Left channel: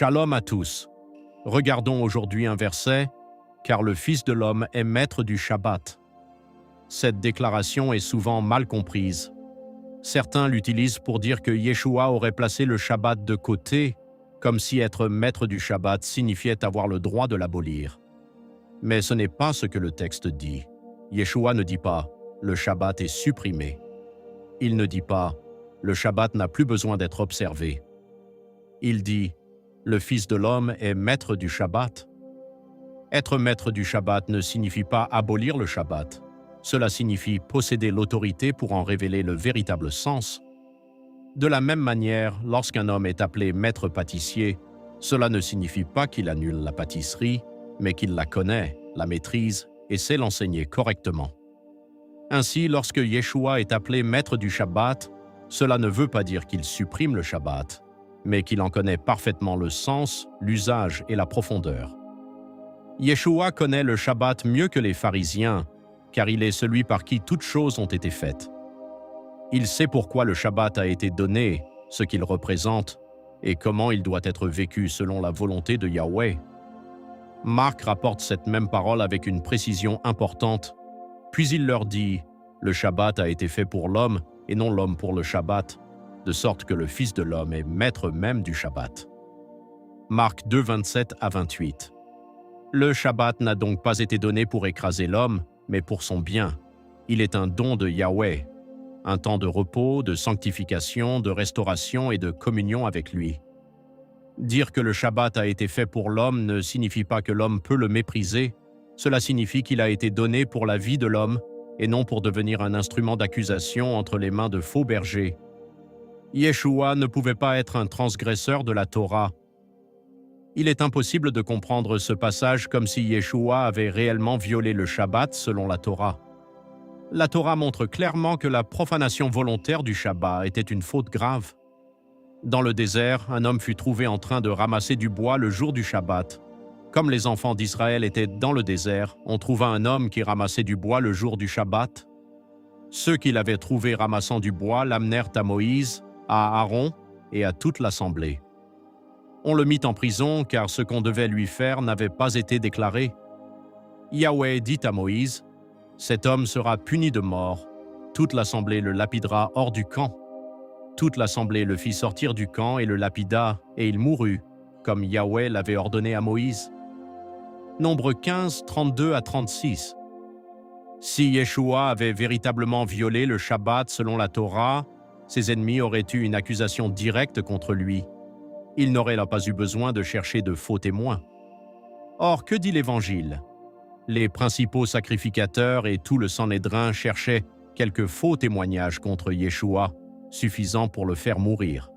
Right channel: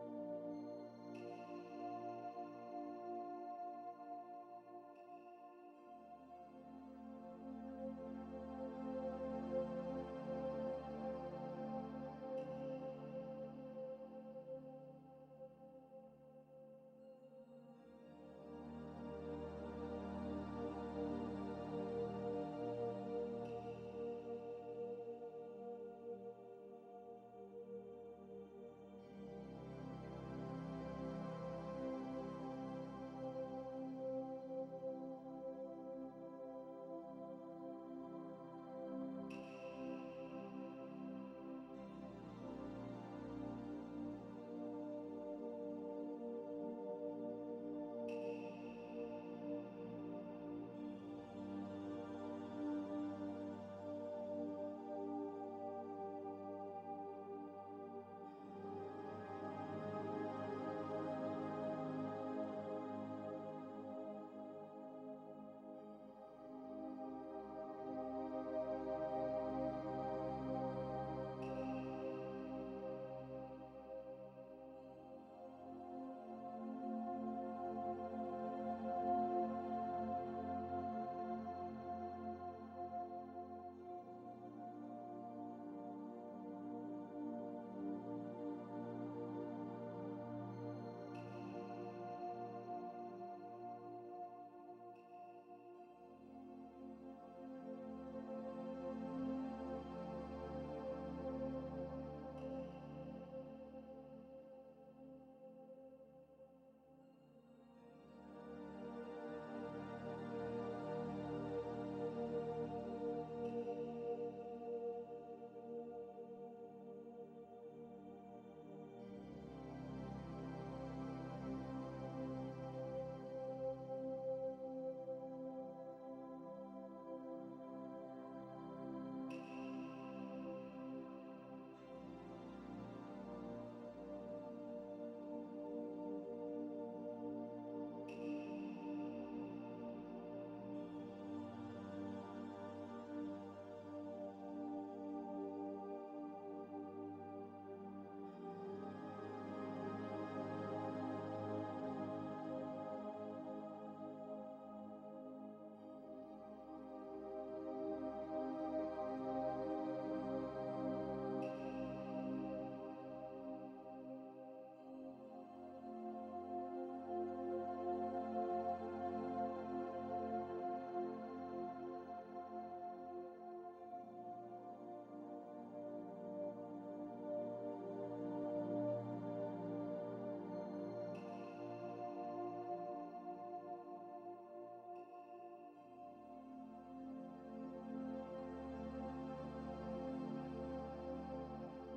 Shalom à tous. Regardons aujourd'hui un verset, car le Fils de l'homme est maître du Shabbat. Cette déclaration est souvent mal comprise. Certains l'utilisent pour dire que Yeshua aurait placé le Shabbat de côté, comme si être maître du Shabbat signifiait avoir le droit de l'abolir. Mais ce n'est pas ce que le texte dit. Yeshua ne dit pas « le Shabbat est supprimé ». Il ne dit pas « le Shabbat n'a plus besoin d'être observé ». Il dit « le Fils de l'homme est maître du Shabbat ». Être maître du Shabbat ne signifie pas abolir le Shabbat. Cela signifie posséder l'autorité pour en révéler le véritable sens. De la même manière, lorsqu'un homme est appelé maître pâtissier, cela ne signifie pas qu'il annule la pâtisserie, mais qu'il la connaît, la maîtrise et sait l'enseigner correctement. Ainsi, lorsque Yeshua est appelé maître du Shabbat, cela ne veut pas dire qu'il supprime le Shabbat, mais qu'il en connaît parfaitement le sens, l'usage et la profondeur. Yeshua connaît le Shabbat mieux que les pharisiens, car il est celui par qui toutes choses ont été faites. Il sait pourquoi le Shabbat a été donné, ce qu'il représente, et comment il doit être vécu selon la volonté de Yahweh. Marc rapporte cette même parole avec une précision importante, puis il leur dit « Le Shabbat a été fait pour l'homme, et non l'homme pour le Shabbat, de sorte que le Fils de l'homme est maître même du Shabbat. » Marc 2, 27 à 28. Le Shabbat n'a donc pas été donné pour écraser l'homme, mais pour son bien. Il est un don de Yahweh, un temps de repos, de sanctification, de restauration et de communion avec lui. Dire que le Shabbat a été fait pour l'homme ne signifie pas que l'homme peut le mépriser, cela signifie qu'il a été donné pour la vie de l'homme et non pour devenir un instrument d'accusation entre les mains de faux bergers. Yeshua ne pouvait pas être un transgresseur de la Torah. Il est impossible de comprendre ce passage comme si Yeshua avait réellement violé le Shabbat selon la Torah. La Torah montre clairement que la profanation volontaire du Shabbat était une faute grave. Dans le désert, un homme fut trouvé en train de ramasser du bois le jour du Shabbat. Comme les enfants d'Israël étaient dans le désert, on trouva un homme qui ramassait du bois le jour du Shabbat. Ceux qui l'avaient trouvé ramassant du bois l'amenèrent à Moïse, à Aaron et à toute l'assemblée. On le mit en prison car ce qu'on devait lui faire n'avait pas été déclaré. Yahweh dit à Moïse, « Cet homme sera puni de mort. Toute l'assemblée le lapidera hors du camp. » Toute l'assemblée le fit sortir du camp et le lapida, et il mourut, comme Yahweh l'avait ordonné à Moïse. Nombre 15, 32 à 36. Si Yeshua avait véritablement violé le Shabbat selon la Torah, ses ennemis auraient eu une accusation directe contre lui. Il n'aurait là pas eu besoin de chercher de faux témoins. Or, que dit l'Évangile? Les principaux sacrificateurs et tout le Sanhédrin cherchaient quelques faux témoignages contre Yeshua, suffisants pour le faire mourir.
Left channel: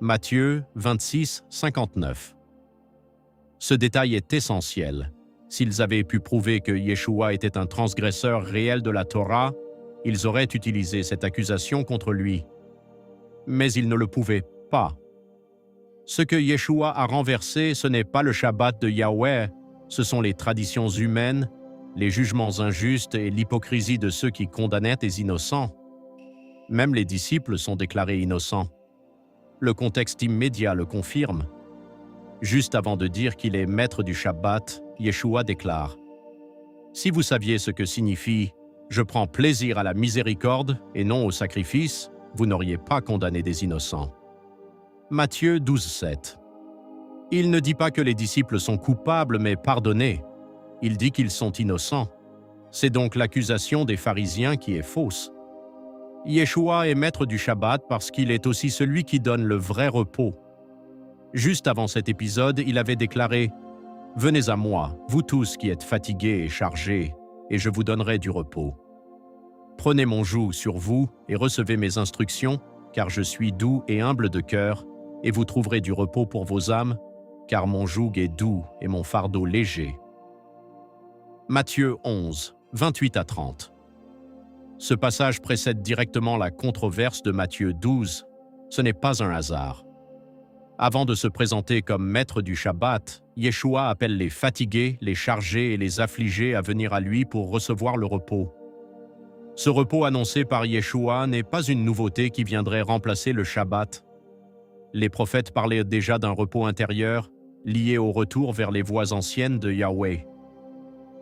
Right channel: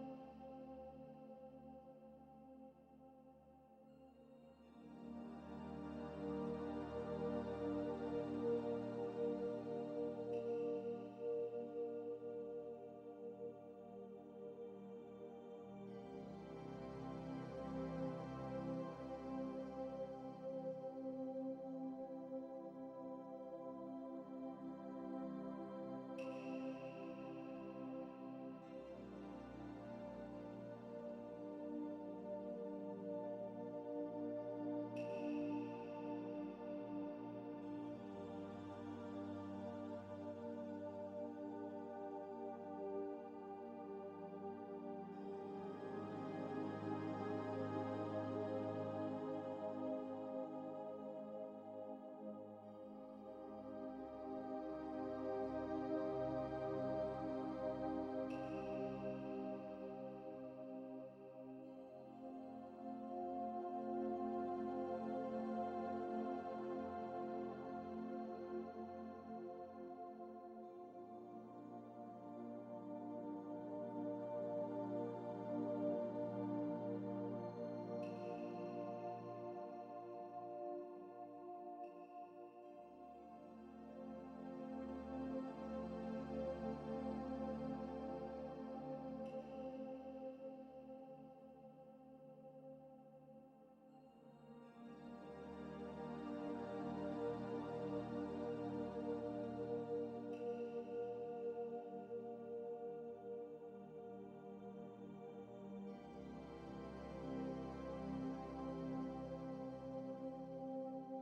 Matthieu 26, 59. Ce détail est essentiel. S'ils avaient pu prouver que Yeshua était un transgresseur réel de la Torah, ils auraient utilisé cette accusation contre lui. Mais ils ne le pouvaient pas. Ce que Yeshua a renversé, ce n'est pas le Shabbat de Yahweh, ce sont les traditions humaines, les jugements injustes et l'hypocrisie de ceux qui condamnaient des innocents. Même les disciples sont déclarés innocents. Le contexte immédiat le confirme. Juste avant de dire qu'il est maître du Shabbat, Yeshua déclare « Si vous saviez ce que signifie « Je prends plaisir à la miséricorde et non au sacrifice », vous n'auriez pas condamné des innocents. » Matthieu 12, 7. Il ne dit pas que les disciples sont coupables mais pardonnés. Il dit qu'ils sont innocents. C'est donc l'accusation des pharisiens qui est fausse. Yeshua est maître du Shabbat parce qu'il est aussi celui qui donne le vrai repos. Juste avant cet épisode, il avait déclaré « Venez à moi, vous tous qui êtes fatigués et chargés, et je vous donnerai du repos. Prenez mon joug sur vous et recevez mes instructions, car je suis doux et humble de cœur, et vous trouverez du repos pour vos âmes, car mon joug est doux et mon fardeau léger. » Matthieu 11, 28 à 30. Ce passage précède directement la controverse de Matthieu 12. Ce n'est pas un hasard. Avant de se présenter comme maître du Shabbat, Yeshua appelle les fatigués, les chargés et les affligés à venir à lui pour recevoir le repos. Ce repos annoncé par Yeshua n'est pas une nouveauté qui viendrait remplacer le Shabbat. Les prophètes parlaient déjà d'un repos intérieur lié au retour vers les voies anciennes de Yahweh.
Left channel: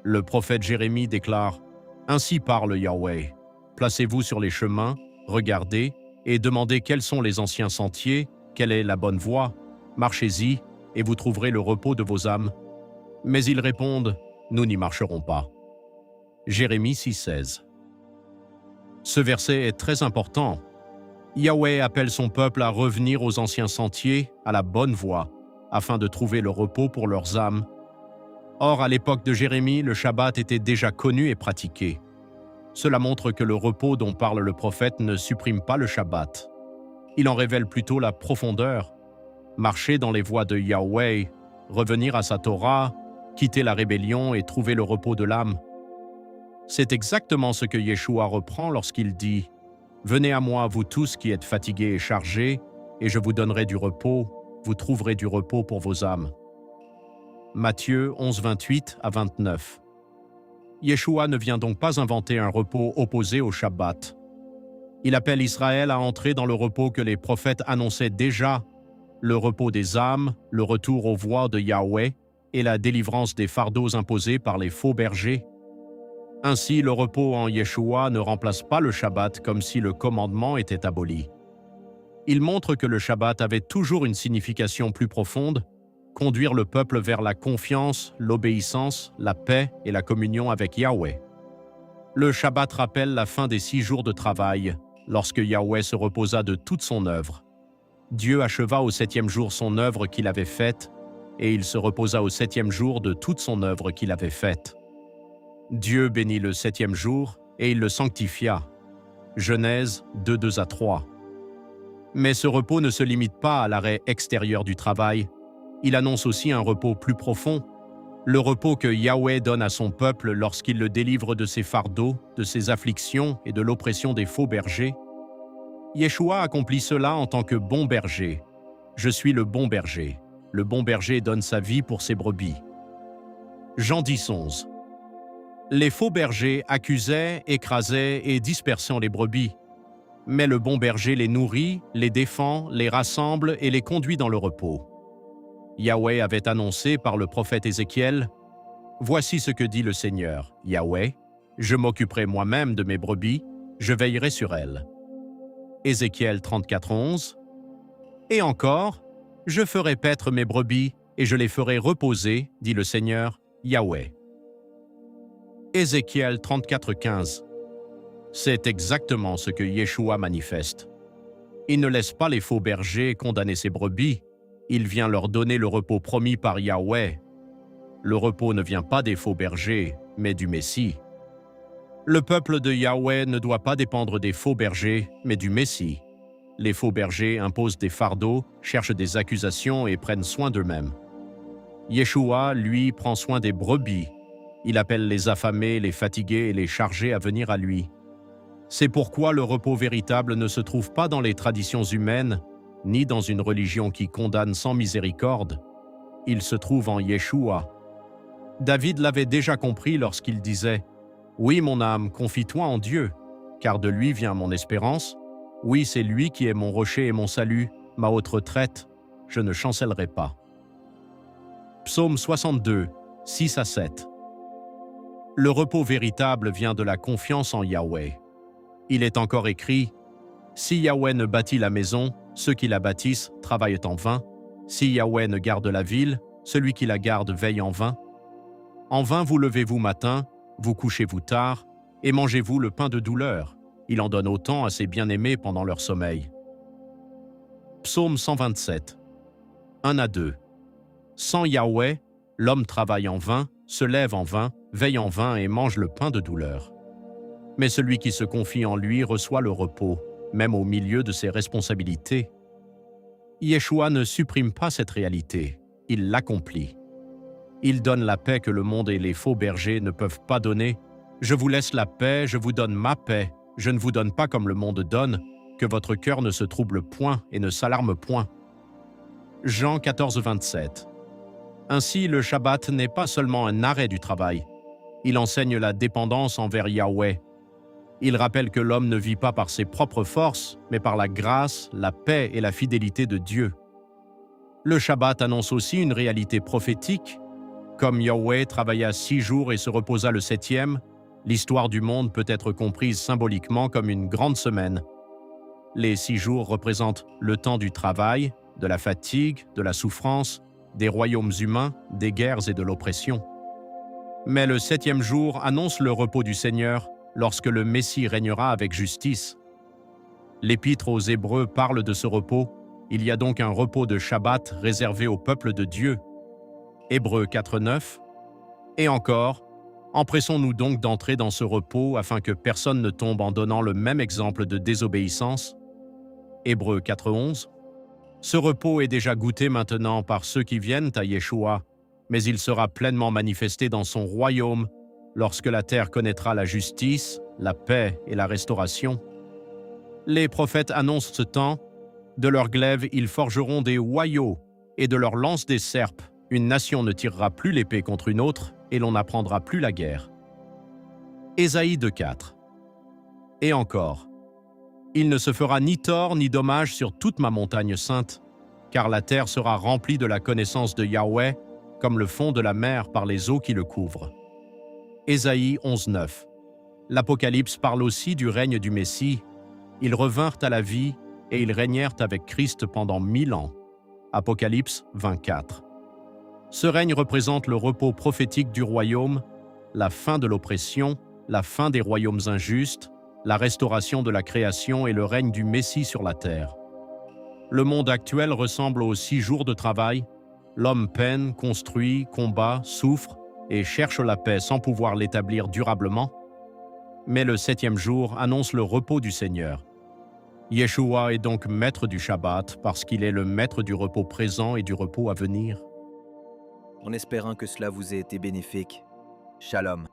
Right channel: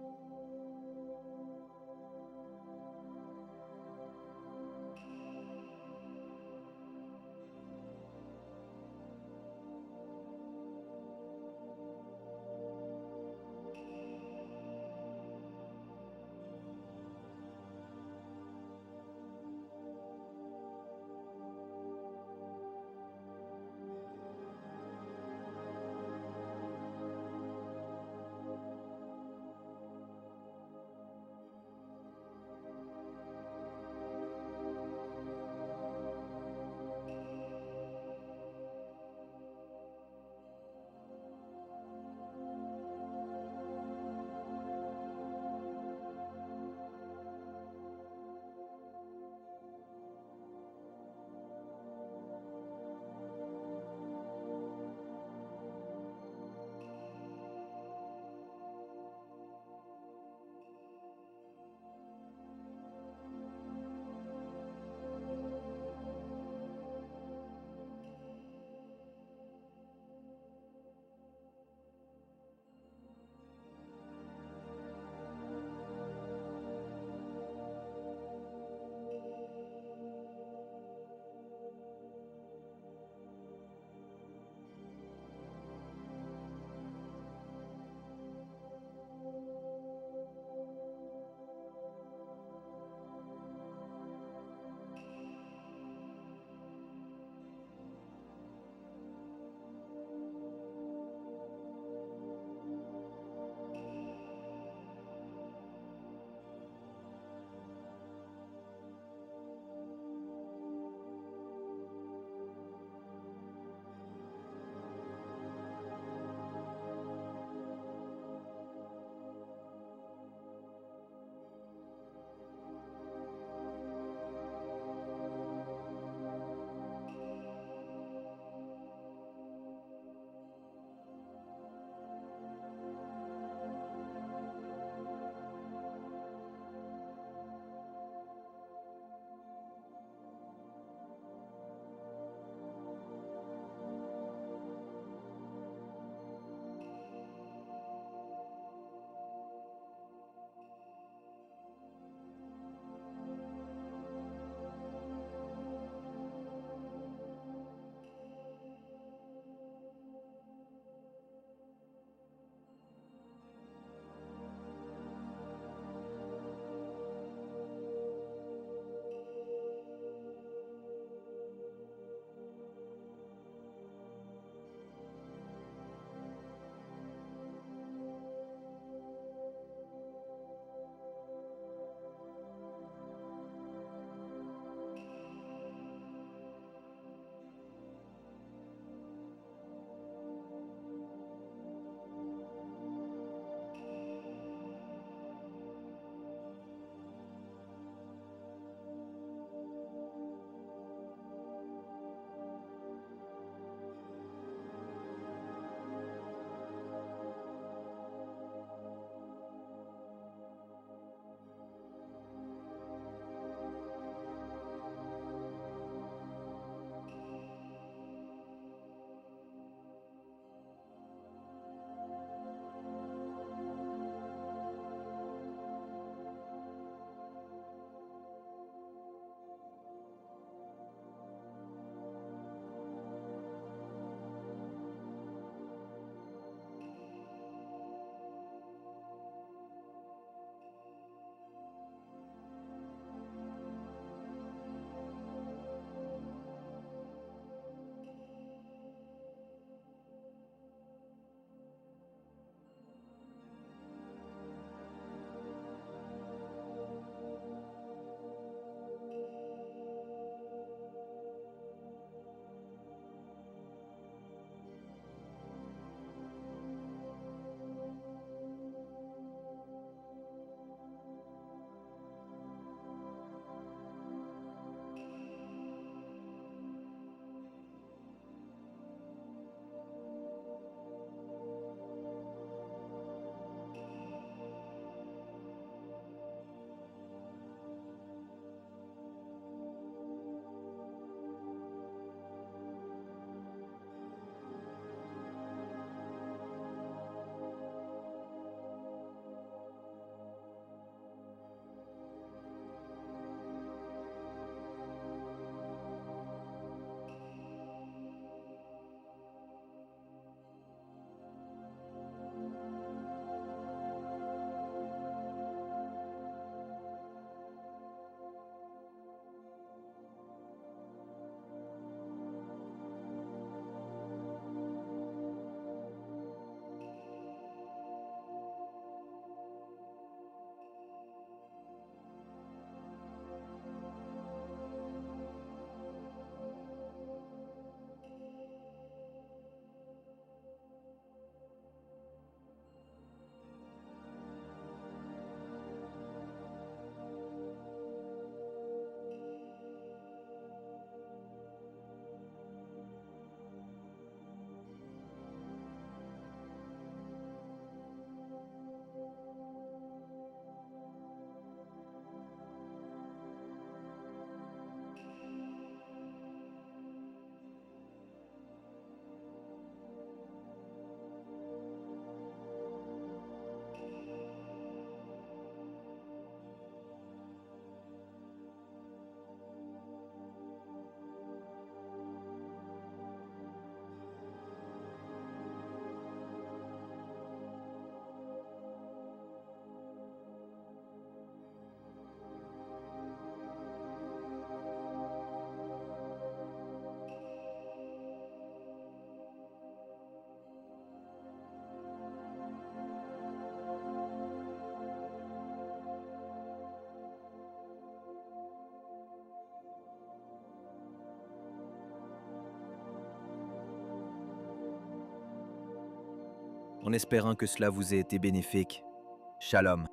Le prophète Jérémie déclare « Ainsi parle Yahweh, placez-vous sur les chemins, regardez et demandez quels sont les anciens sentiers, quelle est la bonne voie, marchez-y et vous trouverez le repos de vos âmes. » Mais ils répondent « Nous n'y marcherons pas. » Jérémie 6,16. Ce verset est très important. Yahweh appelle son peuple à revenir aux anciens sentiers, à la bonne voie, afin de trouver le repos pour leurs âmes. Or, à l'époque de Jérémie, le Shabbat était déjà connu et pratiqué. Cela montre que le repos dont parle le prophète ne supprime pas le Shabbat. Il en révèle plutôt la profondeur. Marcher dans les voies de Yahweh, revenir à sa Torah, quitter la rébellion et trouver le repos de l'âme. C'est exactement ce que Yeshua reprend lorsqu'il dit « Venez à moi, vous tous qui êtes fatigués et chargés, et je vous donnerai du repos, vous trouverez du repos pour vos âmes. » Matthieu 11, 28 à 29. Yeshua ne vient donc pas inventer un repos opposé au Shabbat. Il appelle Israël à entrer dans le repos que les prophètes annonçaient déjà, le repos des âmes, le retour aux voies de Yahweh et la délivrance des fardeaux imposés par les faux bergers. Ainsi, le repos en Yeshua ne remplace pas le Shabbat comme si le commandement était aboli. Il montre que le Shabbat avait toujours une signification plus profonde, conduire le peuple vers la confiance, l'obéissance, la paix et la communion avec Yahweh. Le Shabbat rappelle la fin des 6 jours de travail, lorsque Yahweh se reposa de toute son œuvre. Dieu acheva au 7e jour son œuvre qu'il avait faite, et il se reposa au 7e jour de toute son œuvre qu'il avait faite. Dieu bénit le 7e jour, et il le sanctifia. Genèse 2, 2 à 3. Mais ce repos ne se limite pas à l'arrêt extérieur du travail. Il annonce aussi un repos plus profond, le repos que Yahweh donne à son peuple lorsqu'il le délivre de ses fardeaux, de ses afflictions et de l'oppression des faux bergers. Yeshua accomplit cela en tant que bon berger. Je suis le bon berger. Le bon berger donne sa vie pour ses brebis. Jean 10, 11. Les faux bergers accusaient, écrasaient et dispersaient les brebis. Mais le bon berger les nourrit, les défend, les rassemble et les conduit dans le repos. Yahweh avait annoncé par le prophète Ézéchiel « Voici ce que dit le Seigneur, Yahweh, je m'occuperai moi-même de mes brebis, je veillerai sur elles. » Ézéchiel 34, 11. Et encore, « Je ferai paître mes brebis et je les ferai reposer, dit le Seigneur, Yahweh. » Ézéchiel 34, 15. C'est exactement ce que Yeshua manifeste. Il ne laisse pas les faux bergers condamner ses brebis, il vient leur donner le repos promis par Yahweh. Le repos ne vient pas des faux bergers, mais du Messie. Le peuple de Yahweh ne doit pas dépendre des faux bergers, mais du Messie. Les faux bergers imposent des fardeaux, cherchent des accusations et prennent soin d'eux-mêmes. Yeshua, lui, prend soin des brebis. Il appelle les affamés, les fatigués et les chargés à venir à lui. C'est pourquoi le repos véritable ne se trouve pas dans les traditions humaines, ni dans une religion qui condamne sans miséricorde. Il se trouve en Yeshua. David l'avait déjà compris lorsqu'il disait « Oui, mon âme, confie-toi en Dieu, car de lui vient mon espérance. Oui, c'est lui qui est mon rocher et mon salut, ma haute retraite. Je ne chancellerai pas. » Psaume 62, 6 à 7. Le repos véritable vient de la confiance en Yahweh. Il est encore écrit « Si Yahweh ne bâtit la maison, ceux qui la bâtissent travaillent en vain. Si Yahweh ne garde la ville, celui qui la garde veille en vain. En vain vous levez-vous matin, vous couchez-vous tard, et mangez-vous le pain de douleur. Il en donne autant à ses bien-aimés pendant leur sommeil. » Psaume 127, 1 à 2. Sans Yahweh, l'homme travaille en vain, se lève en vain, veille en vain et mange le pain de douleur. Mais celui qui se confie en lui reçoit le repos, même au milieu de ses responsabilités. Yeshua ne supprime pas cette réalité, il l'accomplit. Il donne la paix que le monde et les faux bergers ne peuvent pas donner. « Je vous laisse la paix, je vous donne ma paix, je ne vous donne pas comme le monde donne, que votre cœur ne se trouble point et ne s'alarme point. » Jean 14, 27. Ainsi, le Shabbat n'est pas seulement un arrêt du travail. Il enseigne la dépendance envers Yahweh. Il rappelle que l'homme ne vit pas par ses propres forces, mais par la grâce, la paix et la fidélité de Dieu. Le Shabbat annonce aussi une réalité prophétique. Comme Yahweh travailla 6 jours et se reposa le septième, l'histoire du monde peut être comprise symboliquement comme une grande semaine. Les 6 jours représentent le temps du travail, de la fatigue, de la souffrance, des royaumes humains, des guerres et de l'oppression. Mais le septième jour annonce le repos du Seigneur lorsque le Messie régnera avec justice. L'Épître aux Hébreux parle de ce repos. Il y a donc un repos de Shabbat réservé au peuple de Dieu. Hébreux 4.9. Et encore, empressons-nous donc d'entrer dans ce repos afin que personne ne tombe en donnant le même exemple de désobéissance. Hébreux 4.11. Ce repos est déjà goûté maintenant par ceux qui viennent à Yeshua, mais il sera pleinement manifesté dans son royaume lorsque la terre connaîtra la justice, la paix et la restauration. Les prophètes annoncent ce temps. De leurs glaives, ils forgeront des hoyaux, et de leurs lances des serpes. Une nation ne tirera plus l'épée contre une autre, et l'on n'apprendra plus la guerre. Ésaïe 2.4. Et encore, il ne se fera ni tort ni dommage sur toute ma montagne sainte, car la terre sera remplie de la connaissance de Yahweh, comme le fond de la mer par les eaux qui le couvrent. Ésaïe 11.9. L'Apocalypse parle aussi du règne du Messie. Ils revinrent à la vie et ils régnèrent avec Christ pendant 1000 ans. Apocalypse 24. Ce règne représente le repos prophétique du royaume, la fin de l'oppression, la fin des royaumes injustes, la restauration de la création et le règne du Messie sur la terre. Le monde actuel ressemble aux 6 jours de travail. L'homme peine, construit, combat, souffre et cherche la paix sans pouvoir l'établir durablement. Mais le septième jour annonce le repos du Seigneur. Yeshua est donc maître du Shabbat parce qu'il est le maître du repos présent et du repos à venir. En espérant que cela vous ait été bénéfique. Shalom.